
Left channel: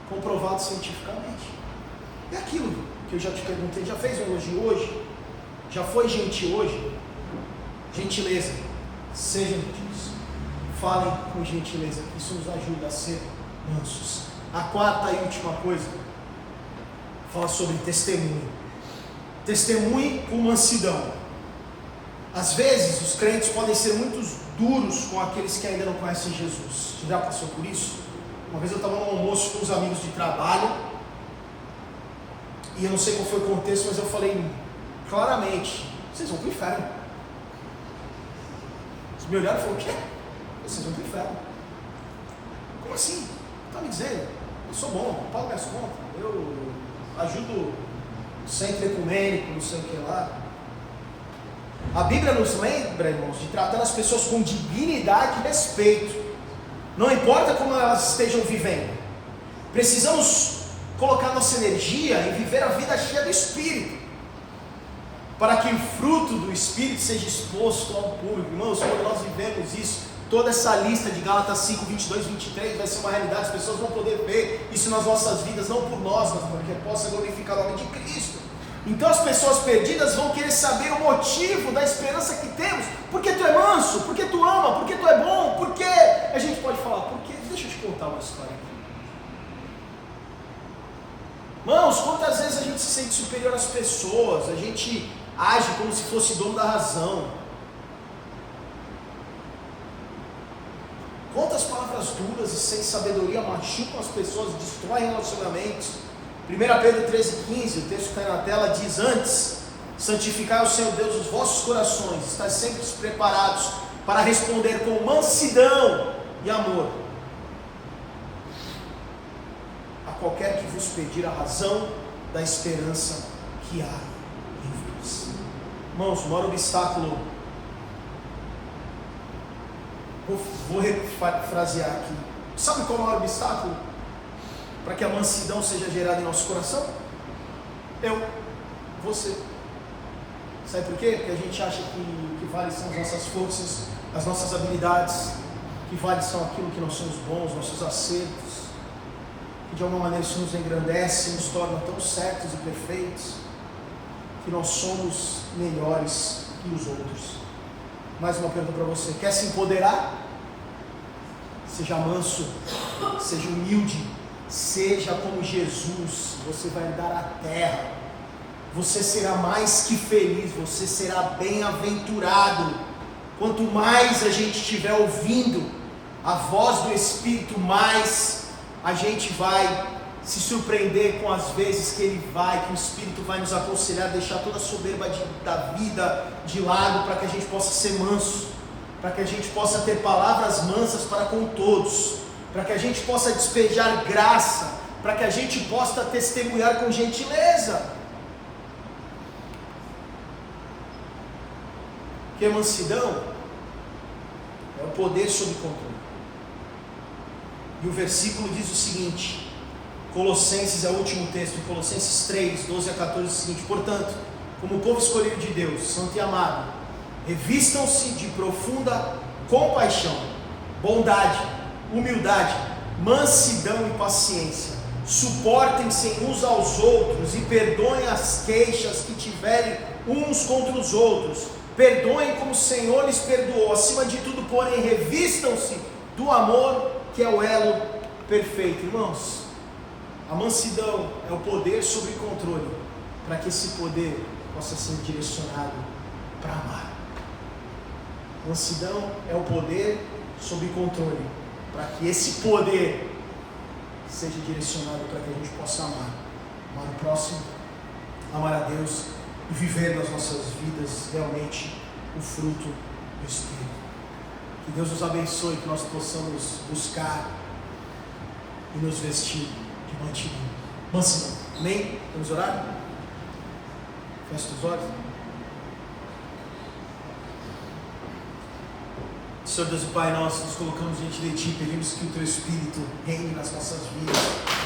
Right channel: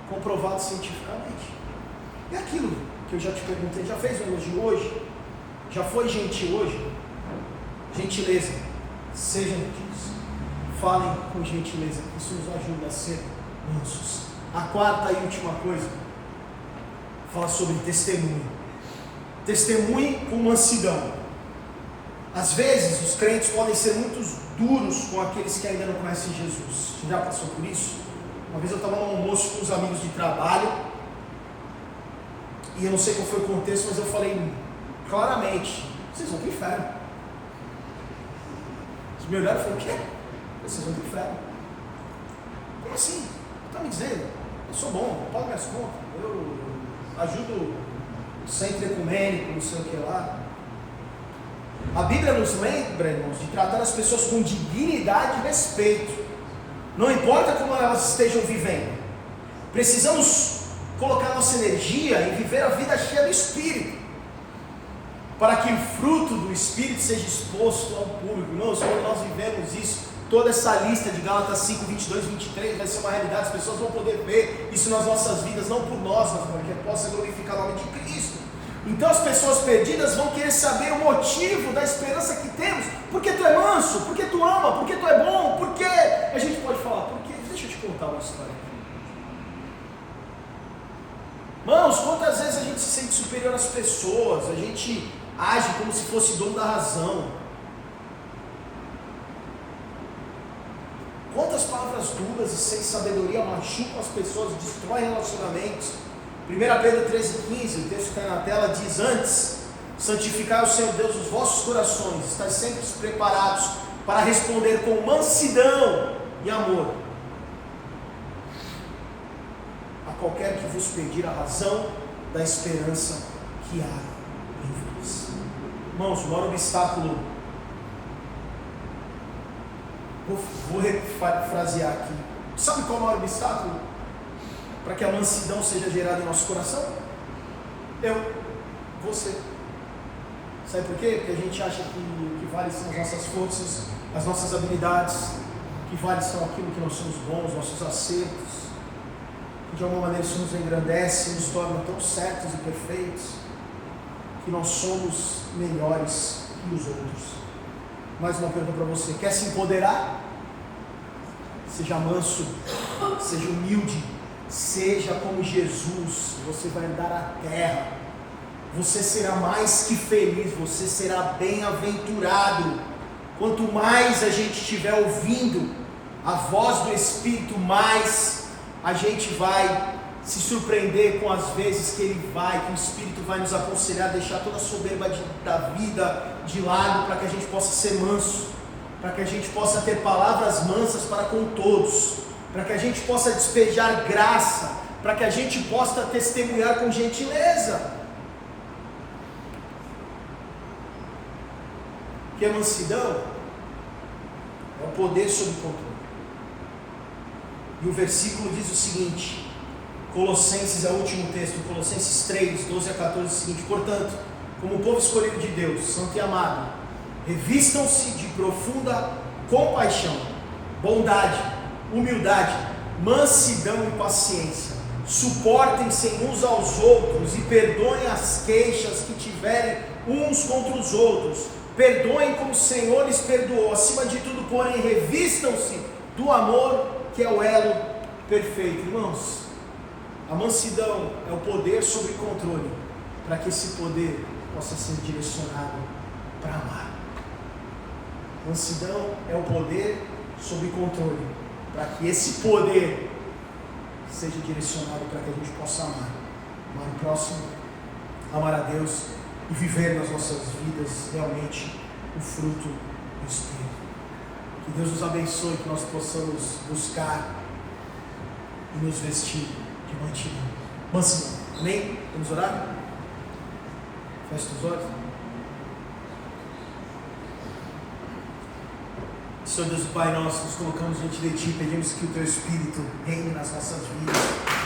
comprovado cientificamente. É aquilo que eu já te perguntei: já fez um elogio hoje? Já foi gentil hoje? Gentileza, sejam gentis, falem com gentileza, que isso nos ajuda a ser mansos. A quarta e última coisa, fala sobre testemunho. Testemunhe com mansidão. Às vezes os crentes podem ser muito duros com aqueles que ainda não conhecem Jesus. Você já passou por isso? Uma vez eu estava no almoço com uns amigos de trabalho, e eu não sei qual foi o contexto, mas eu falei claramente: vocês vão para o inferno. Eles me olharam e falaram: o quê? Vocês vão para o inferno. Como assim? Está me dizendo? Eu sou bom, eu pago minhas contas, eu ajudo o centro ecumênico, não sei o que lá. A Bíblia nos lembra, irmãos, de tratar as pessoas com dignidade e respeito, não importa como elas estejam vivendo. Precisamos colocar nossa energia em viver a vida cheia do Espírito, para que o fruto do Espírito seja exposto ao público. Irmãos, quando nós vivemos isso, toda essa lista de Gálatas 5, 22, 23 vai ser uma realidade. As pessoas vão poder ver isso nas nossas vidas, não por nós, mas para que possa glorificar o nome de Cristo. Então as pessoas perdidas vão querer saber o motivo da esperança que temos. Por que tu é manso? Por que tu ama? Por que tu é bom? Por que? A gente pode falar: porque, deixa eu te contar uma história aqui. Irmãos, quantas vezes a gente se sente superior às pessoas, a gente age como se fosse dono da razão. Quantas palavras duras e sem sabedoria machucam as pessoas, destroem relacionamentos. 1 Pedro 13,15, o texto que está na tela, diz: antes, santificai o Senhor Deus os vossos corações, estáis sempre preparados para responder com mansidão e amor a qualquer que vos pedir a razão da esperança que há em vós. Irmãos, o maior obstáculo, vou refrasear aqui, sabe qual é o maior obstáculo para que a mansidão seja gerada em nosso coração? Você. Sabe por quê? Porque a gente acha que vale são as nossas forças, as nossas habilidades, que vale são aquilo que nós somos bons, nossos acertos, que de alguma maneira isso nos engrandece, nos torna tão certos e perfeitos, que nós somos melhores que os outros. Mais uma pergunta para você: quer se empoderar? Seja manso, seja humilde, seja como Jesus. Você vai andar a terra, você será mais que feliz, você será bem-aventurado. Quanto mais a gente estiver ouvindo a voz do Espírito, mais a gente vai se surpreender com as vezes que o Espírito vai nos aconselhar, deixar toda a soberba da vida de lado, para que a gente possa ser manso, para que a gente possa ter palavras mansas para com todos, para que a gente possa despejar graça, para que a gente possa testemunhar com gentileza. Porque a mansidão é o poder sob controle. E o versículo diz o seguinte: Colossenses é o último texto, Colossenses 3, 12 a 14, é o seguinte: portanto, como povo escolhido de Deus, santo e amado, revistam-se de profunda compaixão, bondade, humildade, mansidão e paciência. Suportem-se uns aos outros e perdoem as queixas que tiverem uns contra os outros. Perdoem como o Senhor lhes perdoou. Acima de tudo, porém, revistam-se do amor, que é o elo perfeito. Irmãos, a mansidão é o poder sobre controle, para que esse poder possa ser direcionado para amar. Mansidão é o poder sobre controle, para que esse poder seja direcionado para que a gente possa amar o próximo, amar a Deus e viver nas nossas vidas realmente o fruto do Espírito. Que Deus nos abençoe, que nós possamos buscar e nos vestir de mansidão. Amém? Vamos orar? Feche os olhos. Senhor Deus e Pai, nós nos colocamos diante de Ti, pedimos que o Teu Espírito reine nas nossas vidas.